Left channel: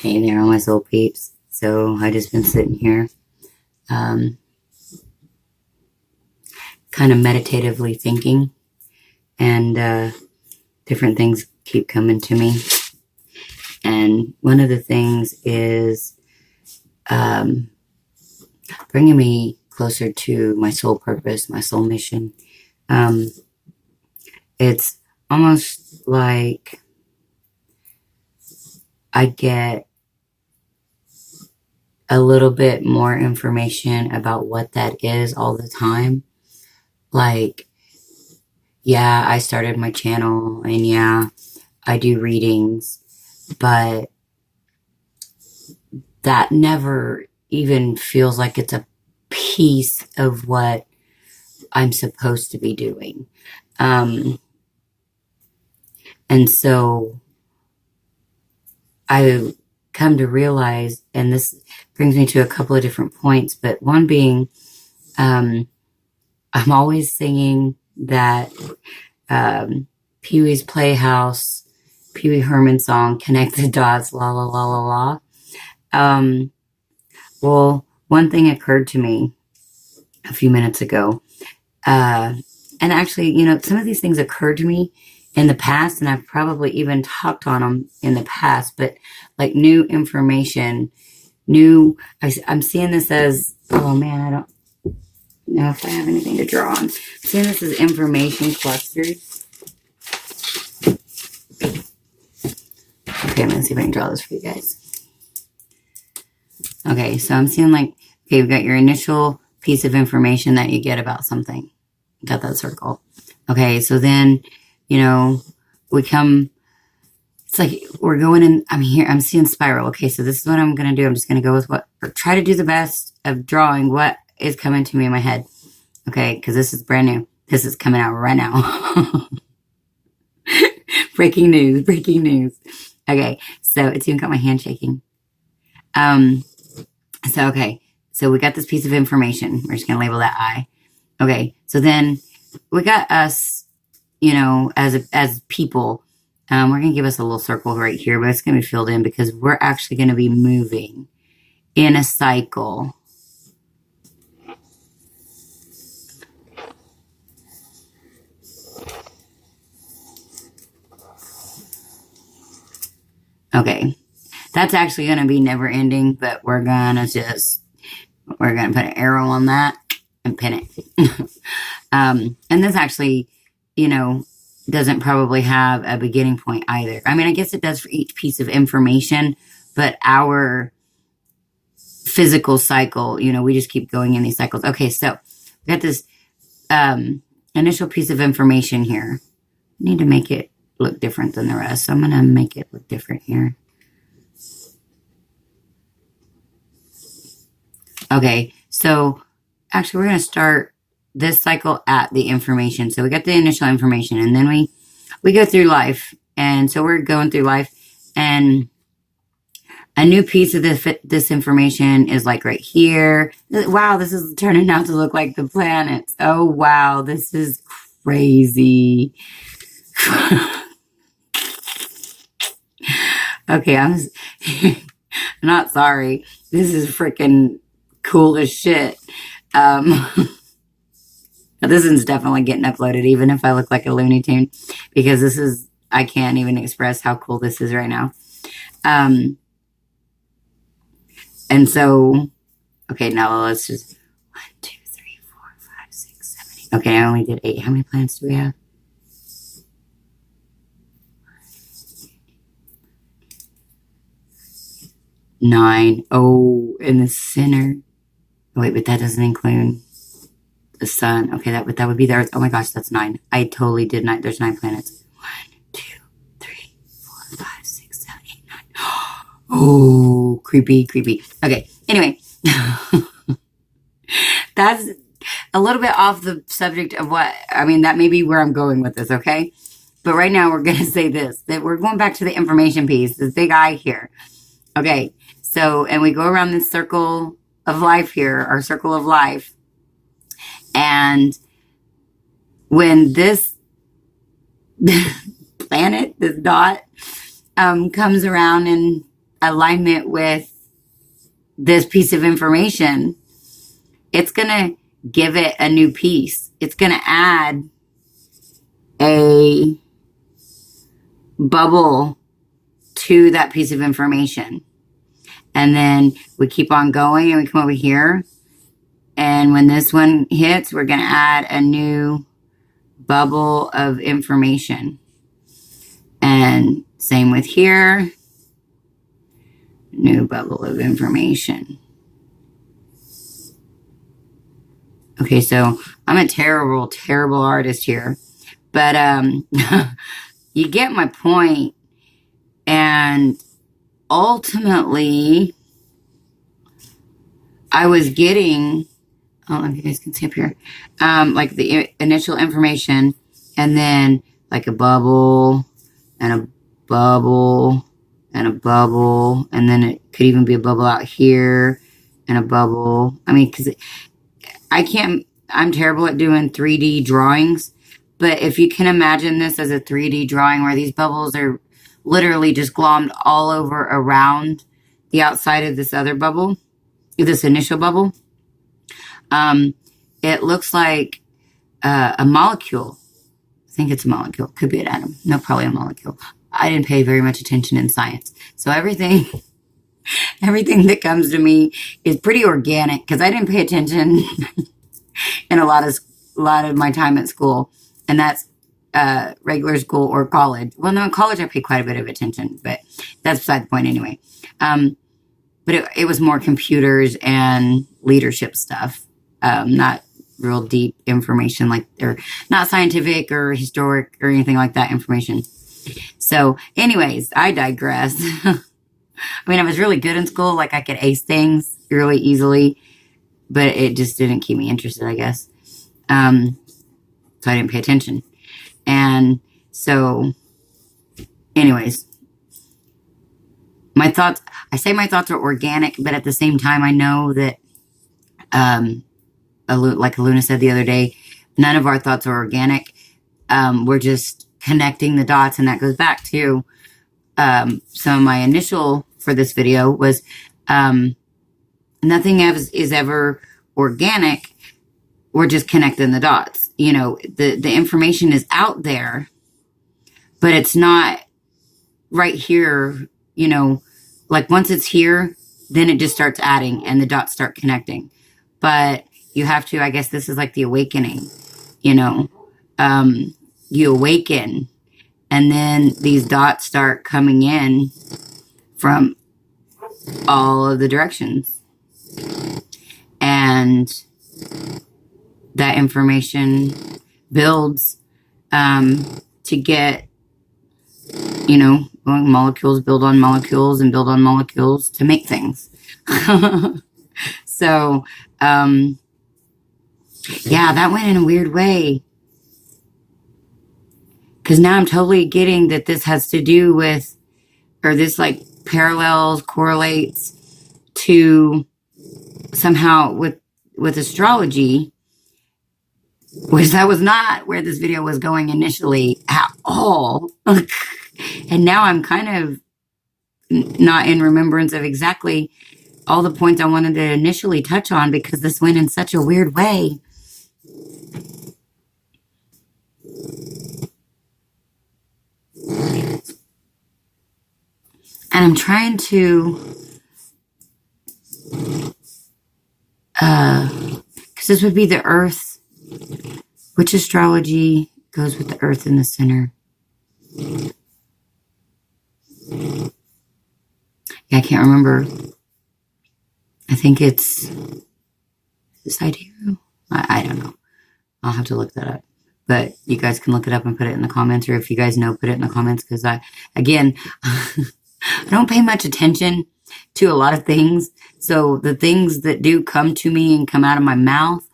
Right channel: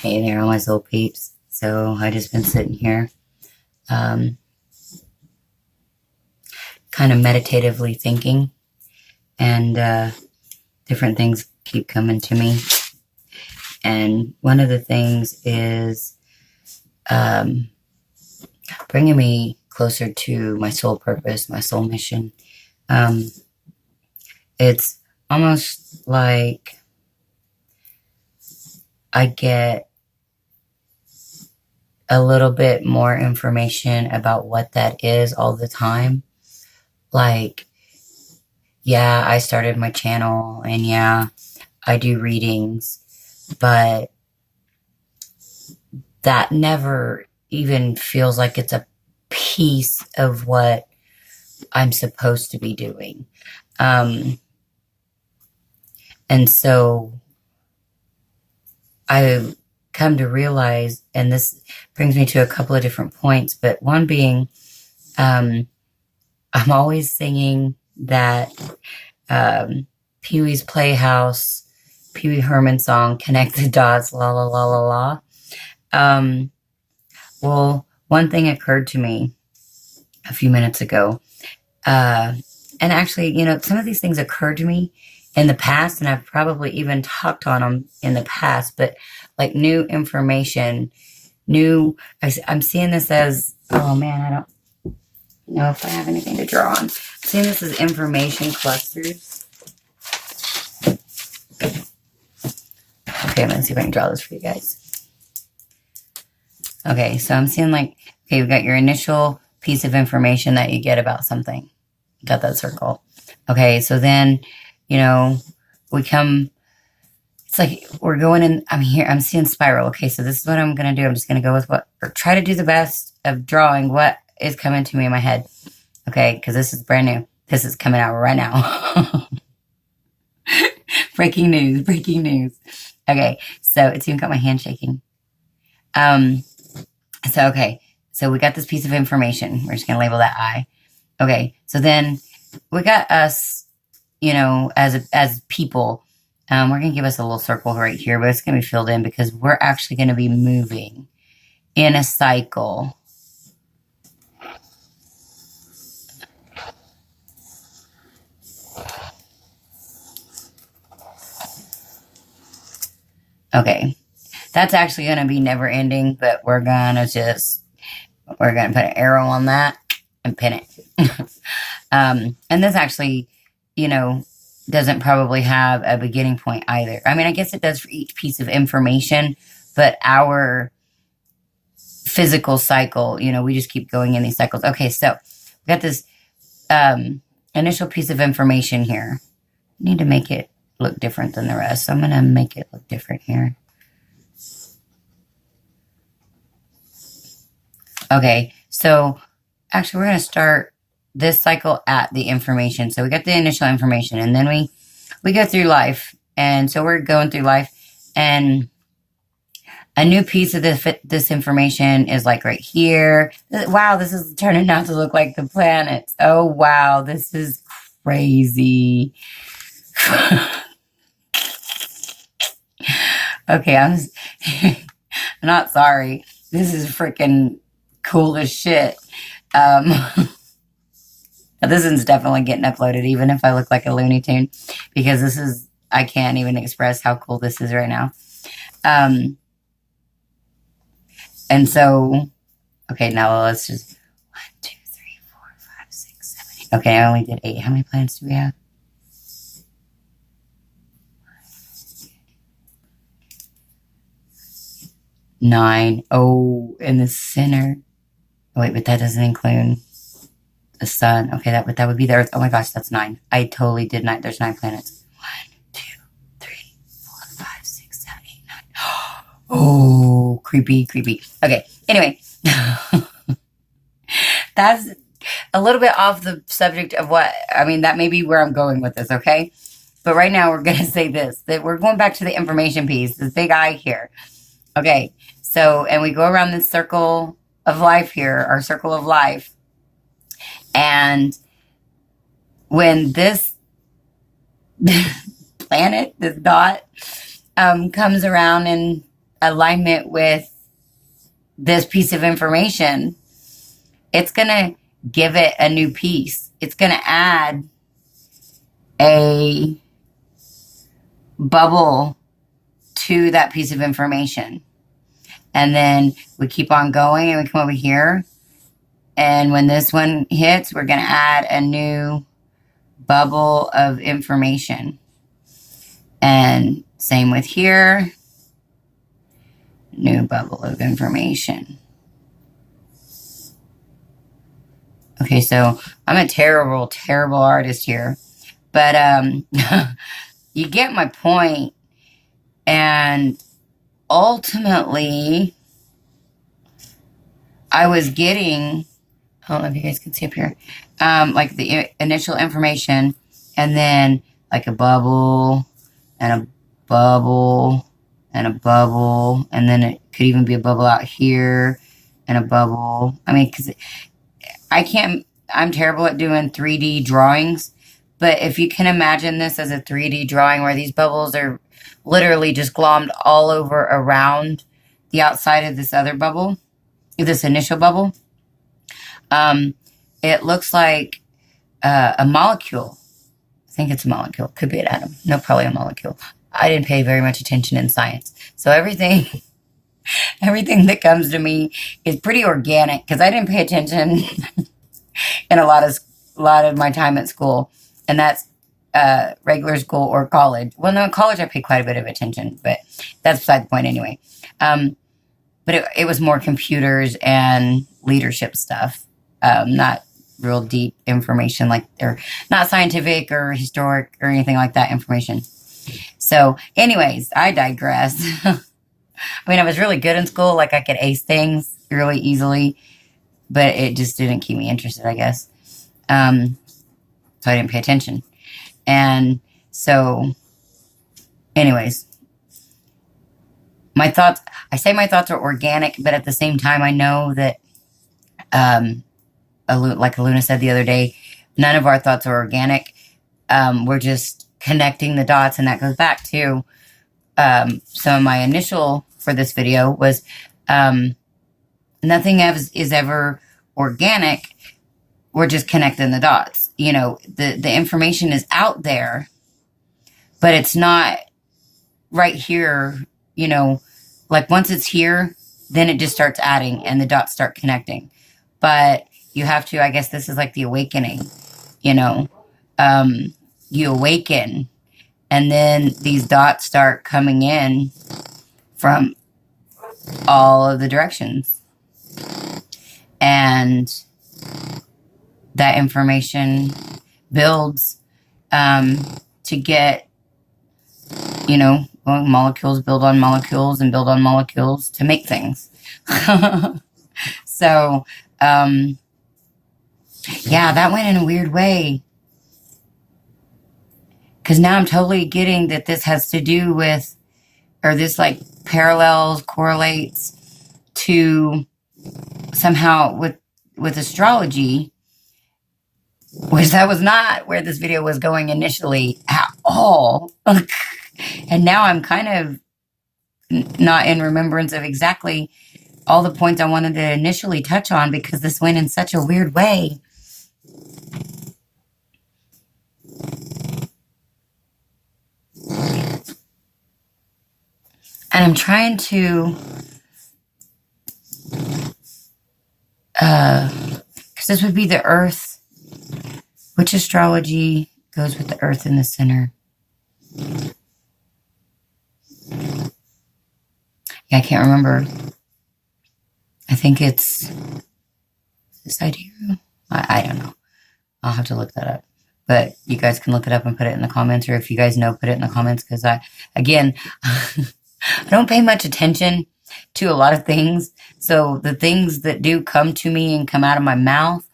Hey there, all my soul peeps. So I just been sitting here, um, kind of meditatively thinking, and different things keep coming to me. And one of the things is um, bringing me closer to my soul purpose, my soul mission. Um, it's almost like I get a little bit more information about what that is all the time. Like, yeah, I started my channel and yeah, I do readings, but that never even feels like it's a piece of what I'm supposed to be doing. Um, and so I come to realize, and this brings me to a couple of different points, but one being, um, I'm always singing that Pee Wee's Playhouse, Pee Wee Herman song, Connect the Dots, la la la la la. Well, one thing occurred to me a few minutes ago. And actually, some of these things occurred to me in the past, and I've probably even talked on them in the past, but like new information, I'm seeing this as, oh man, I don't know if I have anything to draw on. I'm seeing this as information clusters. Okay, I'm going to see if I can draw this for you guys. Okay, so I'm seeing like, okay, we've got your initial piece of information that you get about something. Got that circle. Okay, so then, we come, it's like we're going in, I'm seeing spiral. Okay, so this is what I'm going to do. I'm just going to go with or try to do the best of drawing what is coming to me in my head. Okay, because this is brand new. This is coming out right now. Breaking news, breaking news. Okay, so it's even got my hand shaking. Okay, so we got this piece of information. We're just going to label that I. Okay, so then we got us, as people. We're going to give us a little circle right here, but it's going to be filled in because we're actually going to be moving in a cycle. Okay, that's actually going to be never ending, but we're going to put an arrow on that and pin it. And this actually, doesn't probably have a beginning point either. I mean, I guess it does for each piece of information, but our physical cycle, we just keep going in these cycles. Okay, so we got this initial piece of information here. I need to make it look different than the rest, so I'm going to make it look different here. Okay, so actually we're going to start this cycle at the information. So we got the initial information, and then we go through life. And so we're going through life, and a new piece of this information is like right here. Wow, this is turning out to look like the planets. Oh, wow, this is crazy. Okay, I'm not sorry. This is freaking cool as shit. This one's definitely getting uploaded, even if I look like a Looney Tune, because I can't even express how cool this is right now. And so, okay, now let's just 1, 2, 3, 4, 5, 6, 7, 8. Okay, I only did 8. How many planets do we have? 9. Oh, in the center. Oh, wait, but that doesn't include the sun. Okay, that would be the Earth. Oh my gosh, that's 9. I totally did not. There's 9 planets. 1, 2, 3, 4, 5, 6, 7, 8, 9. Oh, creepy. Okay, anyway. That's a little bit off the subject of that may be where I'm going with this, okay? But right now we're going to say that we're going back to the information piece, this big I here. Okay, so, and we go around this circle of life here, our circle of life. And when this planet, this dot, comes around in alignment with this piece of information, it's going to give it a new piece. It's going to add a bubble to that piece of information. And then we keep on going and we come over here. And when this one hits, we're going to add a new bubble of information. And same with here. New bubble of information. Okay, so I'm a terrible, terrible artist here. But you get my point. And ultimately, I was getting, I don't know if you guys can see up here, like the initial information, and then like a bubble, and a bubble, and a bubble, and then it could even be a bubble out here, and a bubble. I mean, because I'm terrible at doing 3D drawings, but if you can imagine this as a 3D drawing where these bubbles are literally just glommed all over around the outside of this other bubble, this initial bubble, it looks like a molecule. I think it's a molecule. Could be an atom. No, probably a molecule. I didn't pay very much attention in science. So everything that comes to me is pretty organic because I didn't pay attention in a lot of my time at school. And that's regular school or college. Well, no, in college I paid quite a bit of attention, but that's beside the point anyway. But it was more computers and leadership stuff, not real deep information, or not scientific or historic or anything like that information. So anyways, I digress. I mean, I was really good in school. Like I could ace things really easily, but it just didn't keep me interested, I guess. So I didn't pay attention. And so anyways, I say my thoughts are organic, but at the same time, I know that, like Aluna said the other day, none of our thoughts are organic. We're just connecting the dots. And that goes back to, so my initial for this video was, nothing is ever organic. We're just connecting the dots. You know, the information is out there, but it's not right here, you know, like once it's here, then it just starts adding and the dots start connecting. But you have to, I guess this is like the awakening, you know, you awaken and then these dots start coming in from all of the directions. And that information builds to get, you know, molecules build on molecules and build on molecules to make things. So, yeah, that went in a weird way. Because now I'm totally getting that this has to do with, or this like parallels, correlates to somehow with astrology, which that was not where this video was going initially at all. And now I'm kind of not in remembrance of exactly all the points I wanted to initially touch on because this went in such a weird way. And I'm trying to, because this would be the Earth, which astrology goes with the Earth in the center. Yeah, I can't remember. I think it's this idea. I don't know. I'll have to look that up. But you guys can look it up and put it in the comments, or if you guys know, put it in the comments, because again, I don't pay much attention to a lot of things. So the things that do come to me and come out of my mouth,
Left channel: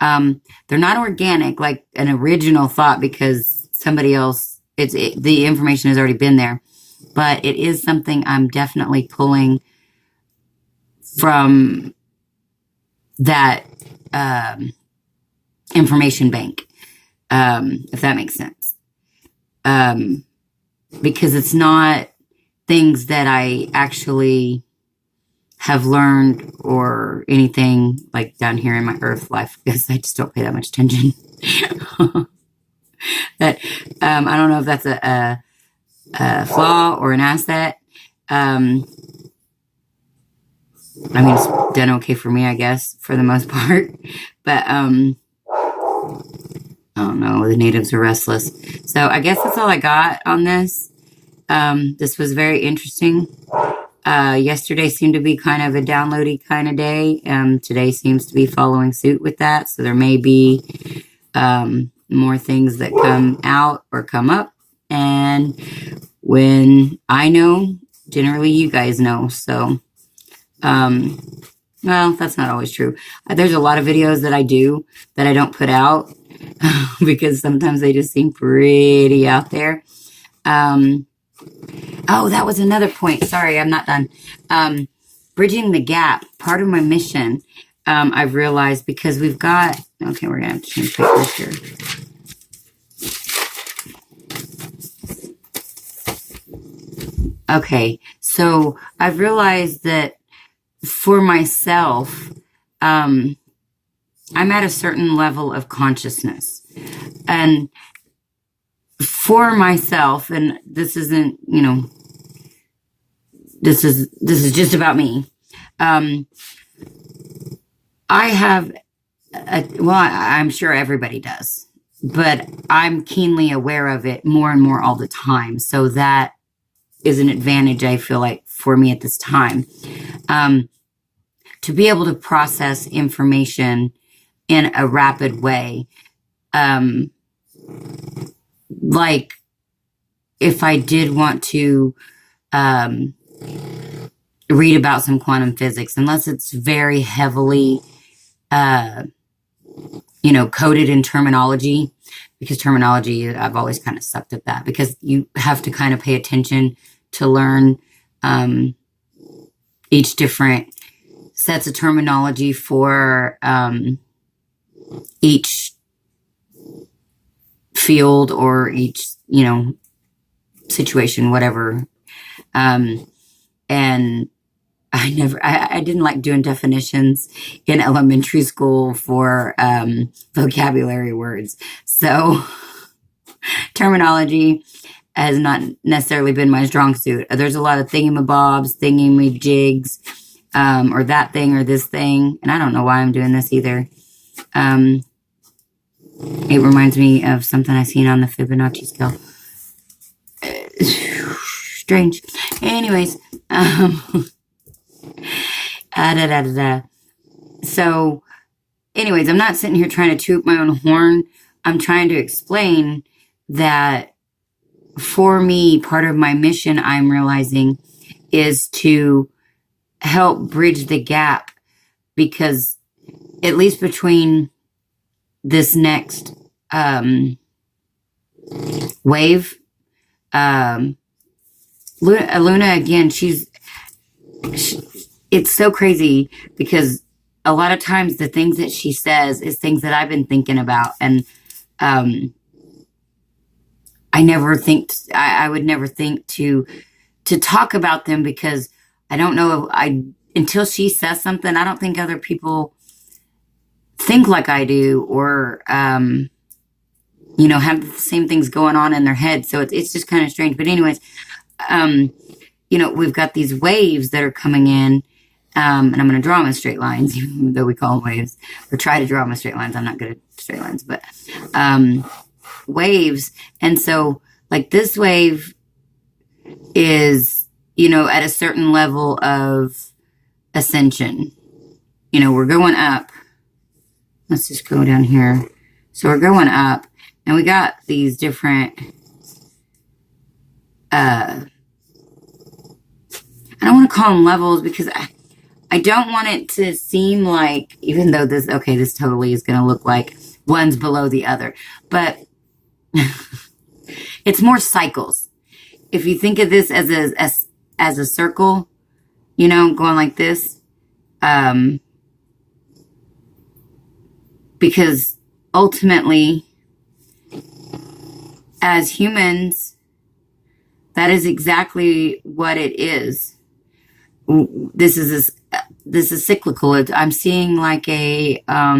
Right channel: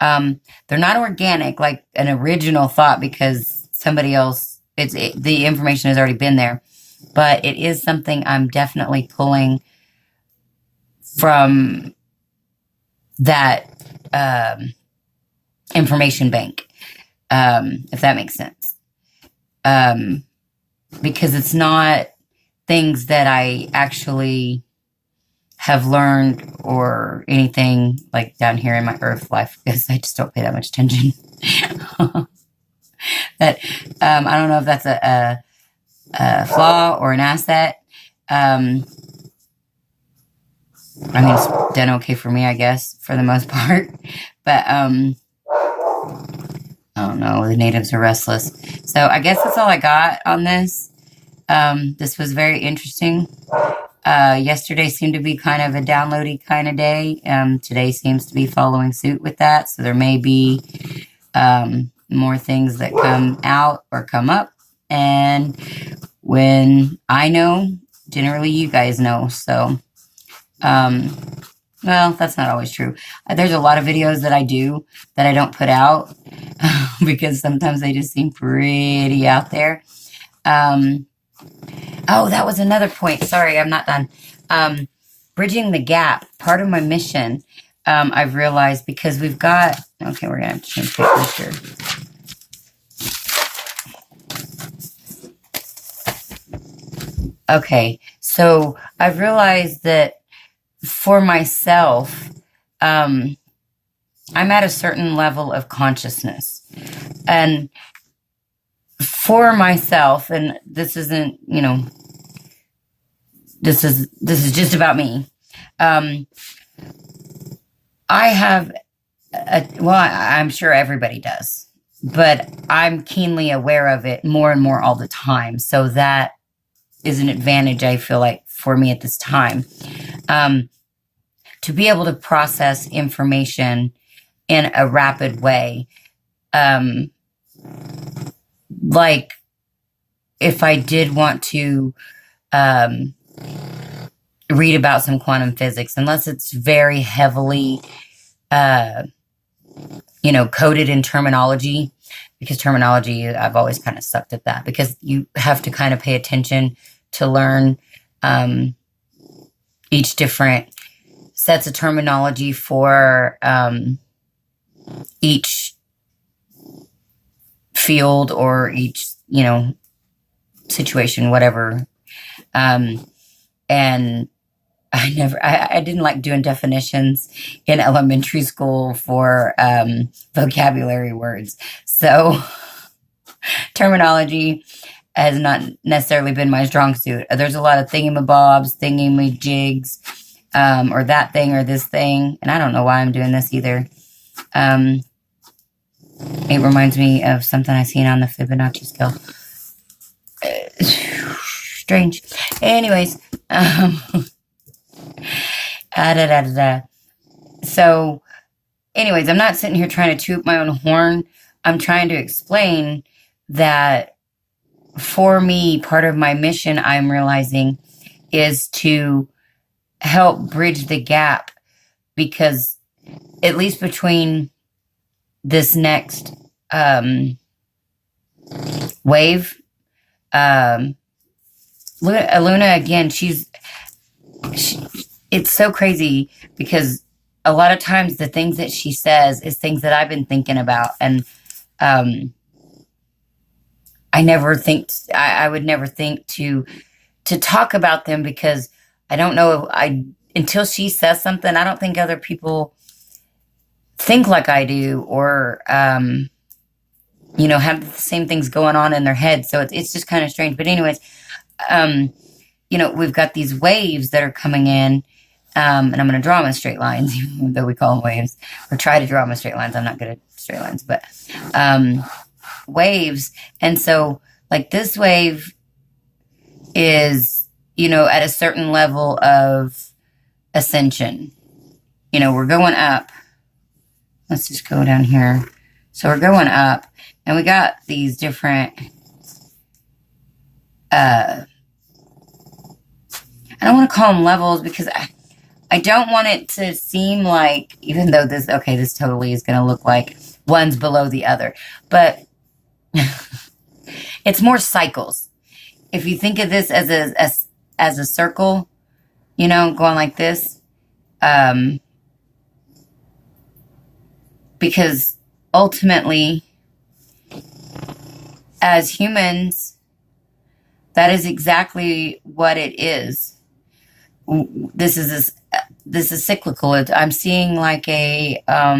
they're not organic, like an original thought, because somebody else, the information has already been there. But it is something I'm definitely pulling from that information bank, if that makes sense. Because it's not things that I actually have learned or anything like down here in my earth life, because I just don't pay that much attention. But I don't know if that's a flaw or an asset. I mean, it's done okay for me, I guess, for the most part. But I don't know. The natives are restless. So I guess that's all I got on this. This was very interesting. Yesterday seemed to be kind of a downloady kind of day. Today seems to be following suit with that. So there may be more things that come out or come up. And when I know, generally you guys know. So, well, that's not always true. There's a lot of videos that I do that I don't put out because sometimes they just seem pretty out there. Oh, that was another point. Sorry, I'm not done. Bridging the gap, part of my mission, I've realized, because we've got, okay, we're going to have to change pictures here. Okay, so I've realized that for myself, I'm at a certain level of consciousness. And for myself, and this isn't, you know, this is just about me. I have, well, I'm sure everybody does, but I'm keenly aware of it more and more all the time. So that is an advantage, I feel like, for me at this time. To be able to process information in a rapid way. Like if I did want to read about some quantum physics, unless it's very heavily, you know, coded in terminology, because terminology, I've always kind of sucked at that, because you have to kind of pay attention to learn each different sets of terminology for each field or each, you know, situation, whatever. And I didn't like doing definitions in elementary school for vocabulary words. So terminology has not necessarily been my strong suit. There's a lot of thingamabobs, thingamajigs, or that thing or this thing. And I don't know why I'm doing this either. It reminds me of something I seen on the Fibonacci scale. Strange. Anyways, So, anyways, I'm not sitting here trying to toot my own horn. I'm trying to explain that for me, part of my mission, I'm realizing, is to help bridge the gap, because at least between this next wave, Luna again, it's so crazy, because a lot of times the things that she says is things that I've been thinking about, and I would never think to talk about them, because I don't know, until she says something, I don't think other people think like I do, or you know, have the same things going on in their head. So it's just kind of strange. But anyways, you know, we've got these waves that are coming in, and I'm going to draw them in straight lines, even though we call them waves, or try to draw them in straight lines. I'm not good at straight lines, but waves. And so, like, this wave is, you know, at a certain level of ascension. You know, we're going up. Let's just go down here. So we're going up, and we got these different, I don't want to call them levels, because I don't want it to seem like, even though this totally is going to look like one's below the other, but it's more cycles. If you think of this as a circle, you know, going like this, because ultimately, as humans, That is exactly what it is. This is cyclical. I'm seeing like uh,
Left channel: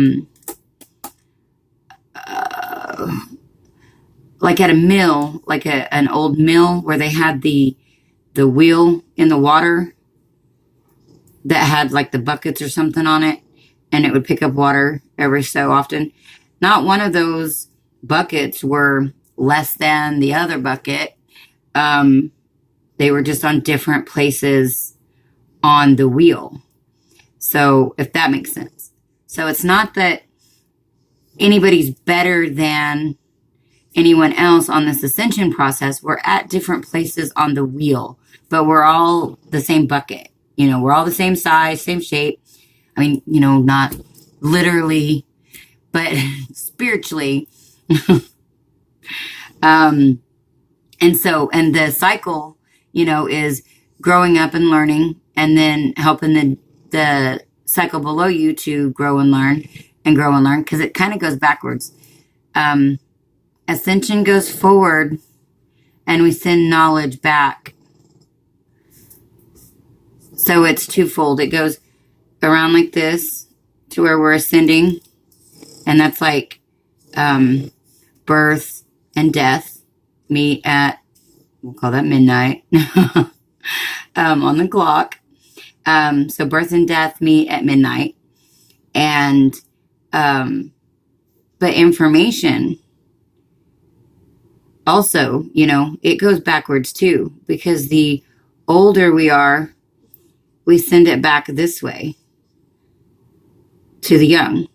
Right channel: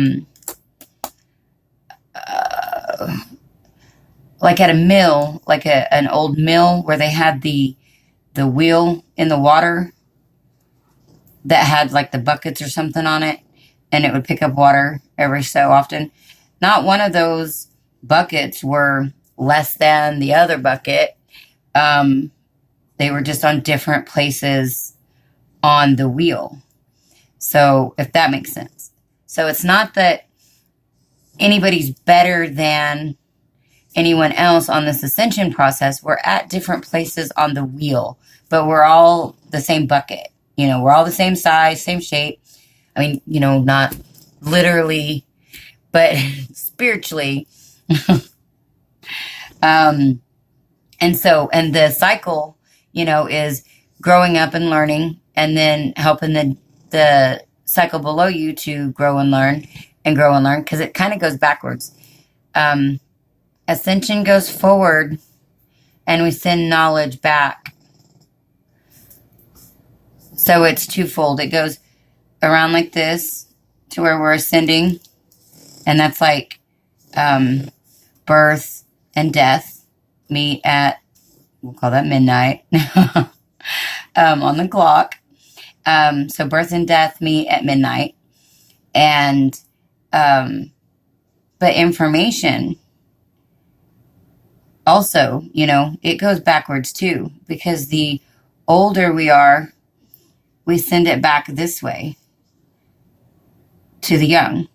like at a mill, like an old mill where they had the wheel in the water that had like the buckets or something on it, and it would pick up water every so often. Not one of those buckets were less than the other bucket. They were just on different places on the wheel. So, if that makes sense. So, it's not that anybody's better than anyone else on this ascension process. We're at different places on the wheel, but we're all the same bucket. You know, we're all the same size, same shape. I mean, you know, not literally, but spiritually. And the cycle, you know, is growing up and learning, and then helping the cycle below you to grow and learn, because it kind of goes backwards. Ascension goes forward, and we send knowledge back. So it's twofold. It goes around like this to where we're ascending, and that's like birth and death meet at, we'll call that midnight on the clock. So birth and death meet at midnight, and but information also, you know, it goes backwards too, because the older we are, we send it back this way to the young,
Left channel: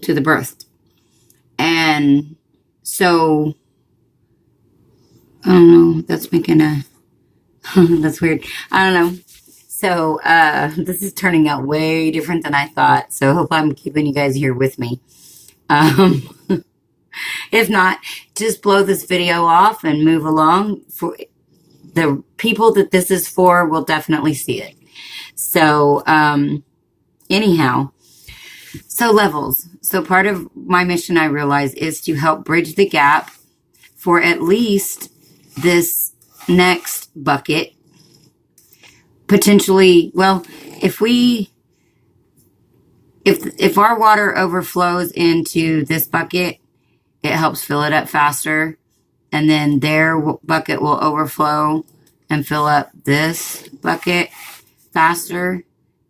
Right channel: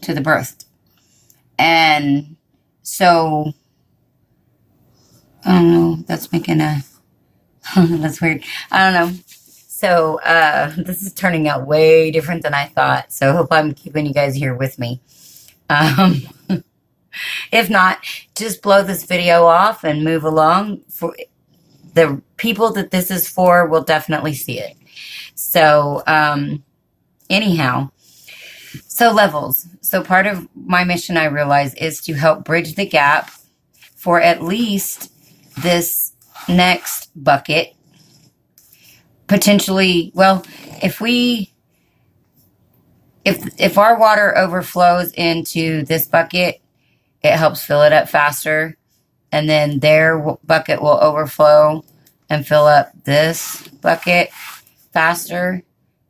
to the birthed. And so, I don't know, that's making a, that's weird. I don't know. So, this is turning out way different than I thought. So I hope I'm keeping you guys here with me. If not, just blow this video off and move along. For the people that this is for will definitely see it. So, anyhow, so levels. So part of my mission, I realize, is to help bridge the gap for at least this next bucket. Potentially, well, if our water overflows into this bucket, it helps fill it up faster. And then their bucket will overflow and fill up this bucket faster.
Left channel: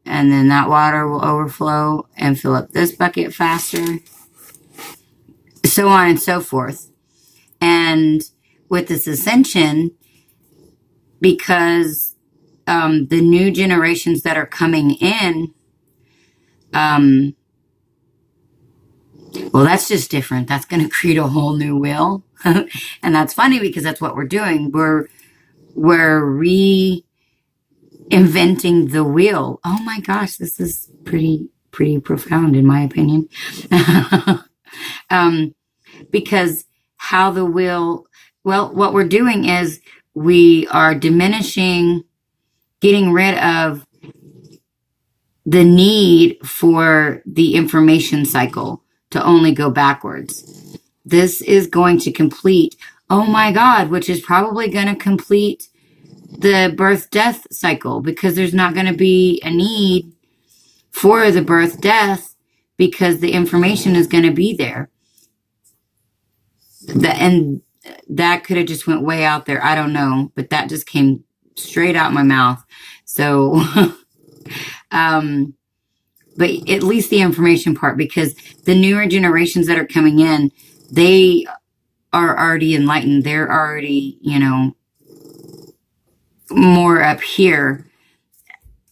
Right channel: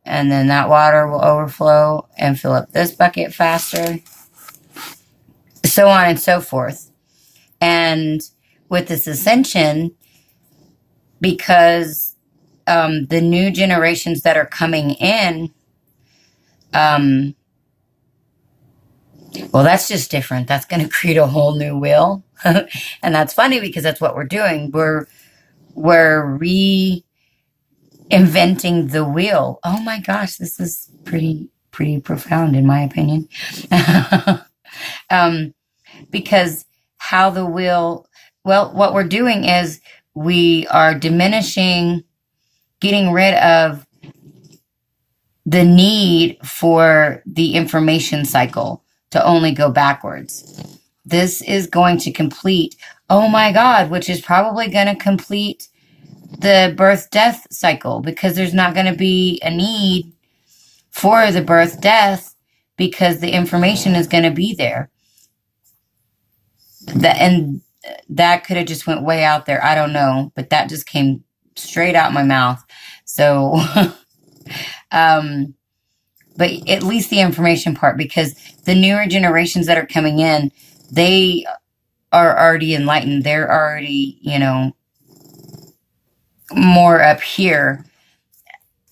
And then that water will overflow and fill up this bucket faster. So on and so forth. And with this ascension, because the new generations that are coming in, well, that's just different. That's going to create a whole new wheel. And that's funny because that's what we're doing. We're reinventing the wheel. Oh my gosh, this is pretty profound in my opinion. Because how the wheel, well, what we're doing is we are diminishing, getting rid of the need for the information cycle to only go backwards. This is going to complete, oh my God, which is probably going to complete the birth-death cycle, because there's not going to be a need for the birth-death because the information is going to be there. And that could have just went way out there. I don't know, but that just came straight out my mouth. So, but at least the information part, because the newer generations that are coming in, they are already enlightened. They're already, you know, more up here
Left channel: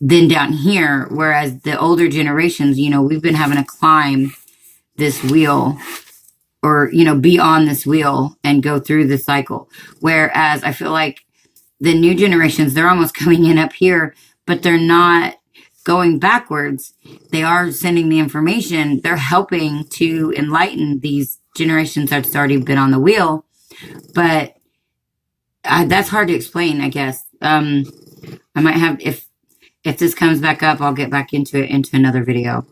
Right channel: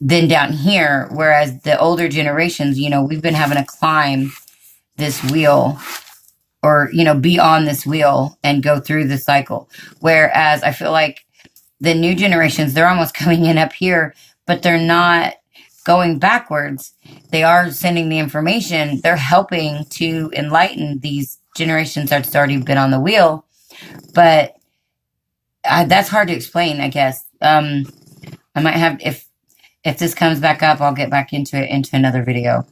than down here. Whereas the older generations, you know, we've been having to climb this wheel, or, you know, be on this wheel and go through the cycle. Whereas I feel like the new generations, they're almost coming in up here, but they're not going backwards. They are sending the information. They're helping to enlighten these generations that's already been on the wheel. But that's hard to explain, I guess. I might have, if this comes back up, I'll get back into it into another video.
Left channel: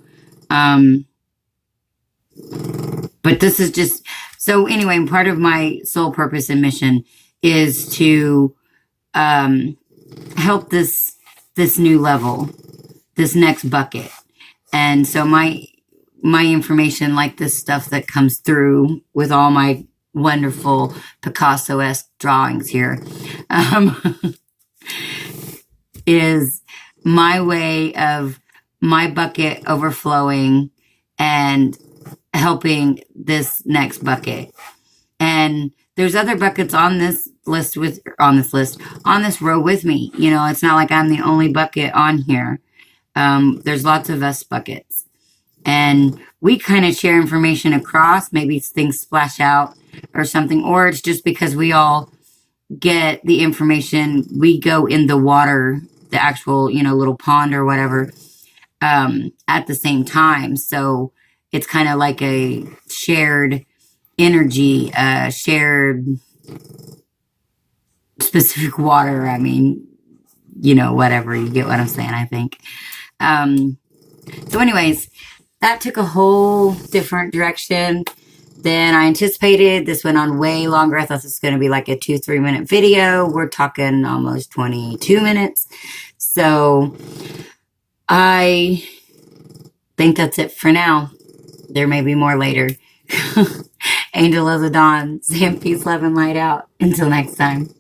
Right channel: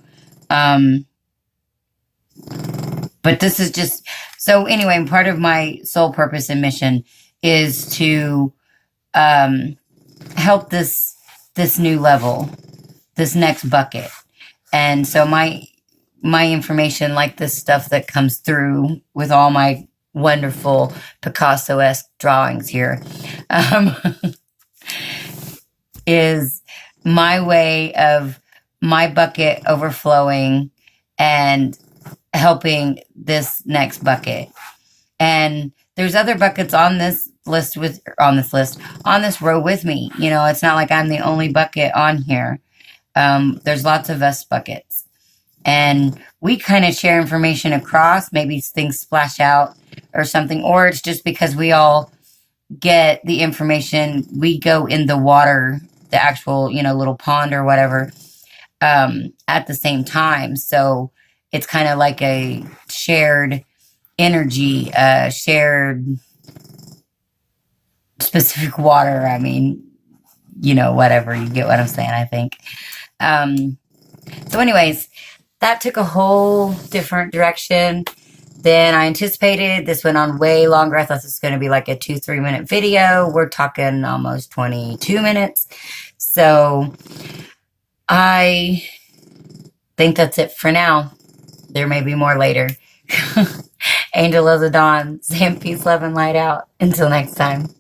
But this is just, so anyway, part of my soul purpose and mission is to help this new level, this next bucket. And so my information, like this stuff that comes through with all my wonderful Picasso-esque drawings here, is my way of my bucket overflowing and helping this next bucket. And there's other buckets on this row with me. You know, it's not like I'm the only bucket on here. There's lots of us buckets. And we kind of share information across. Maybe things splash out or something, or it's just because we all get the information. We go in the water, the actual, you know, little pond or whatever, at the same time. So it's kind of like a shared energy, shared specific water. I mean, you know, whatever, you get what I'm saying, I think. So anyways, that took a whole different direction than I anticipated. This went on way longer. I thought this was going to be like a 2-3 minute video. We're talking almost 22 minutes. So I think that's it for now. There may be more later. Angel of the Dawn, Sam, peace, love, and light out. Until next time.